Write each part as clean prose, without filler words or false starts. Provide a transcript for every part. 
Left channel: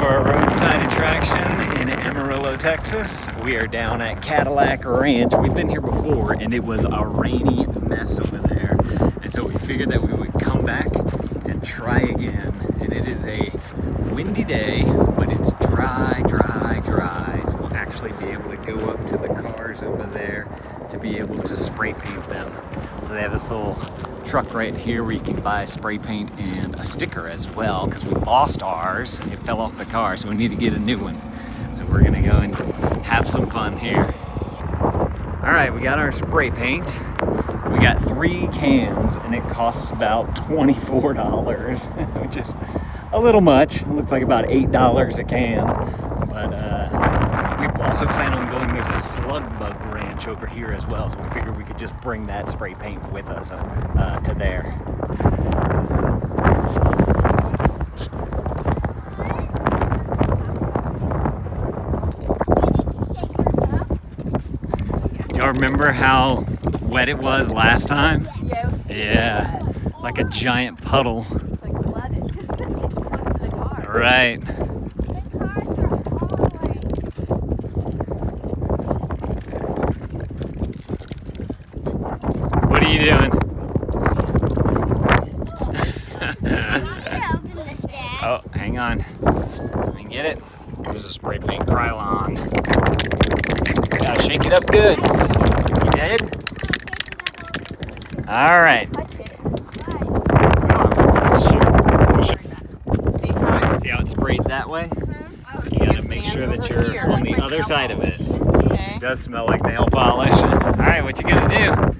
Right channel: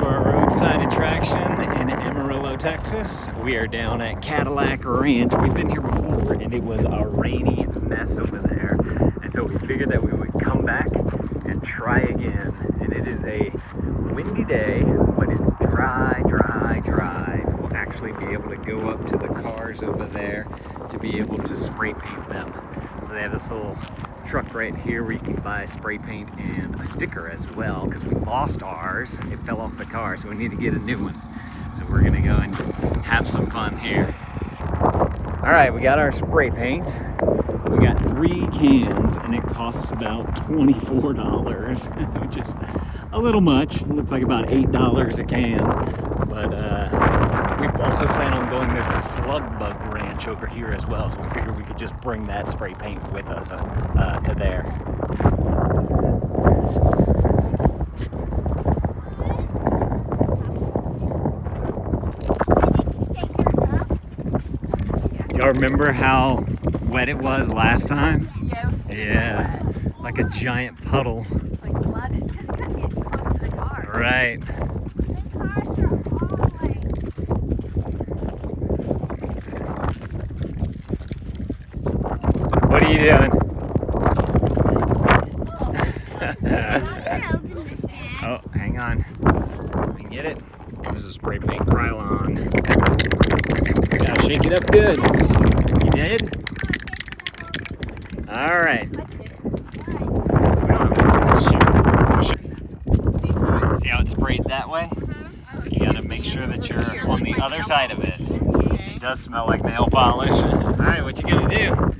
for our roadside attraction in Amarillo, Texas. We are down at Cadillac Ranch. We've been here before and it was a rainy mess over there. And so we figured that we would come back and try again. And it is a windy day, but it's dry, dry, dry. So we'll actually be able to go up to the cars over there to be able to spray paint them. So they have this little truck right here where you can buy spray paint and a sticker as well, because we lost ours. It fell off the car, so we need to get a new one. So we're gonna go and have some fun here. All right, we got our spray paint. We got 3 cans and it costs about $24, which is a little much. It looks like about $8 a can, but we also plan on going, there's a slug bug ranch over here as well, so we figured we could just bring that spray paint with us to there. Do y'all remember how wet it was last time? Yes. Yeah, it's like a giant puddle. Like blood, it's just getting close to the car. Right. What are you doing? Oh, hang on. Let me get it. This is a spray paint Krylon. Now shake it up good. You did? All right. See how it's sprayed that way? You gotta make sure that you're on the other side of it. It does smell like nail polish. All right, what you gonna do?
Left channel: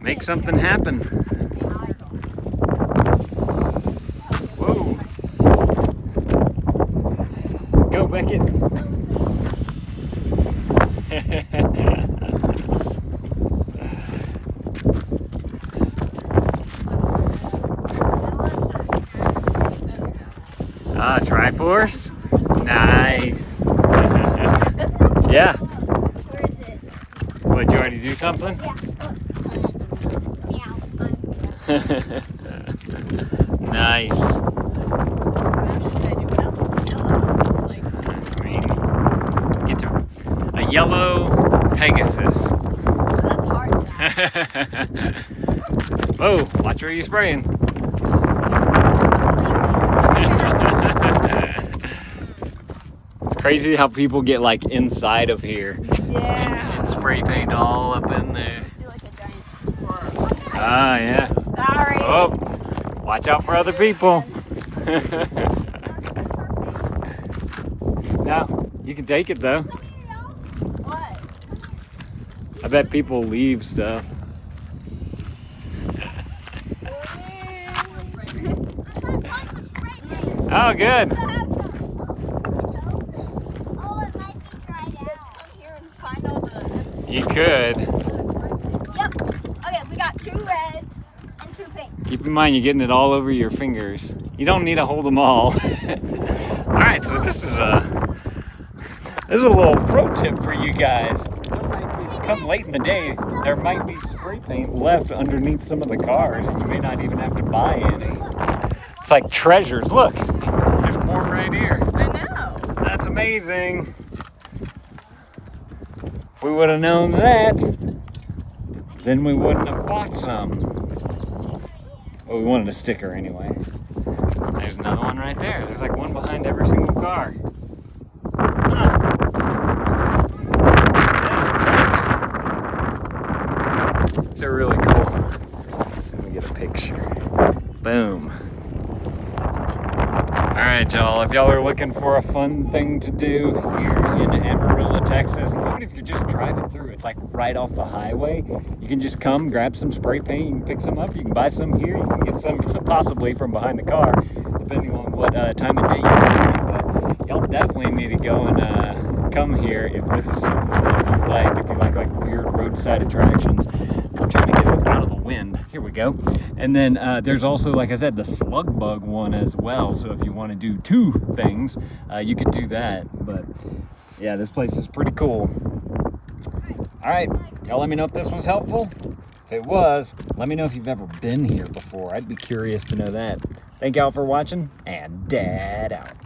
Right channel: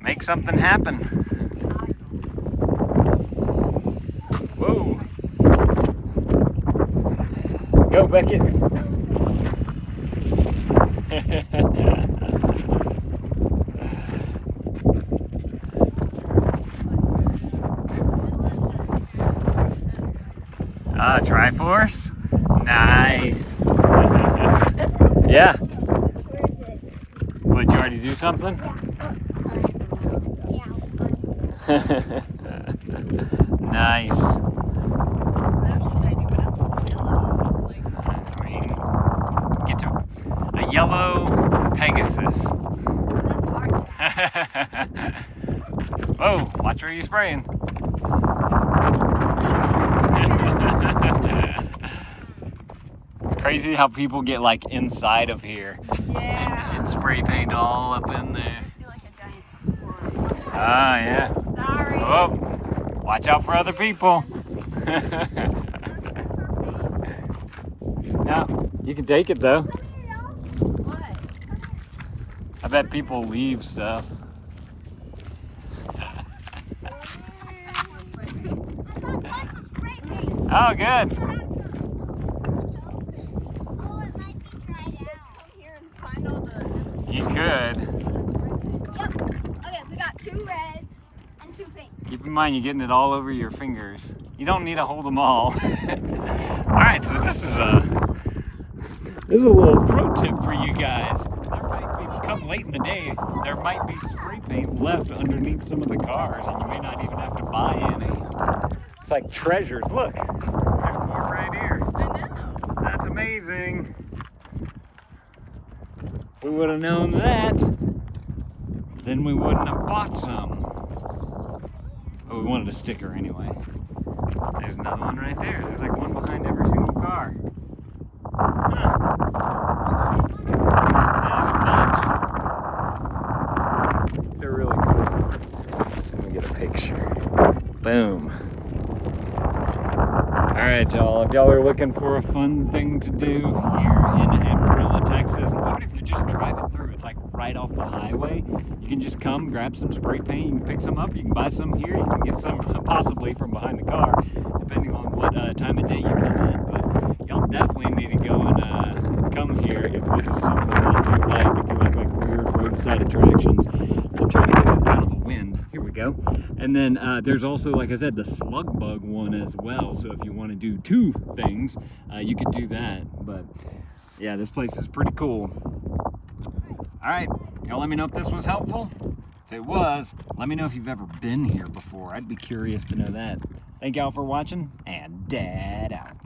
Make something happen. Whoa. Go, Beckett. Triforce? Nice. Yeah. Where is it? What, did you already do something? Nice. I mean, get to a yellow Pegasus. Whoa, watch where you're spraying. It's crazy how people get like inside of here. Yeah. And spray paint all up in there. Do like a giant. Ah, yeah. Sorry. Oh, watch out for other people. No, you can take it though. What? I bet people leave stuff. Oh, good. You could. Yep. Okay, we got 2 reds and 2 pinks. Keep in mind you're getting it all over your fingers. You don't need to hold them all. Alright, so this is a little pro tip for you guys. There might be, come late in the day, there might be spray paint left underneath some of the cars and you may not even have to buy any. It's like treasures. Look, there's more right here. I know. That's amazing. If we would have known that, then we wouldn't have bought some. Oh, we wanted a sticker anyway. There's another one right there. There's like one behind every single car. Huh. They're really cool. So let me get a picture. Boom. Alright, y'all, if y'all are looking for a fun thing to do here in Amarillo, Texas, and even if you're just driving through, it's like right off the highway, you can just come, grab some spray paint, you can pick some up, you can buy some here, you can get some possibly from behind the car, depending on what time of day you're doing. But y'all definitely need to go and come here if this is something that you like, if you like weird roadside attractions. I'm trying to get it out of the wind. Here we go. And then there's also, like I said, the slug bug one as well. So if you want to do 2 things, you could do that. But yeah, this place is pretty cool. All right, y'all let me know if this was helpful. If it was, let me know if you've ever been here before. I'd be curious to know that. Thank y'all for watching, and Dad out.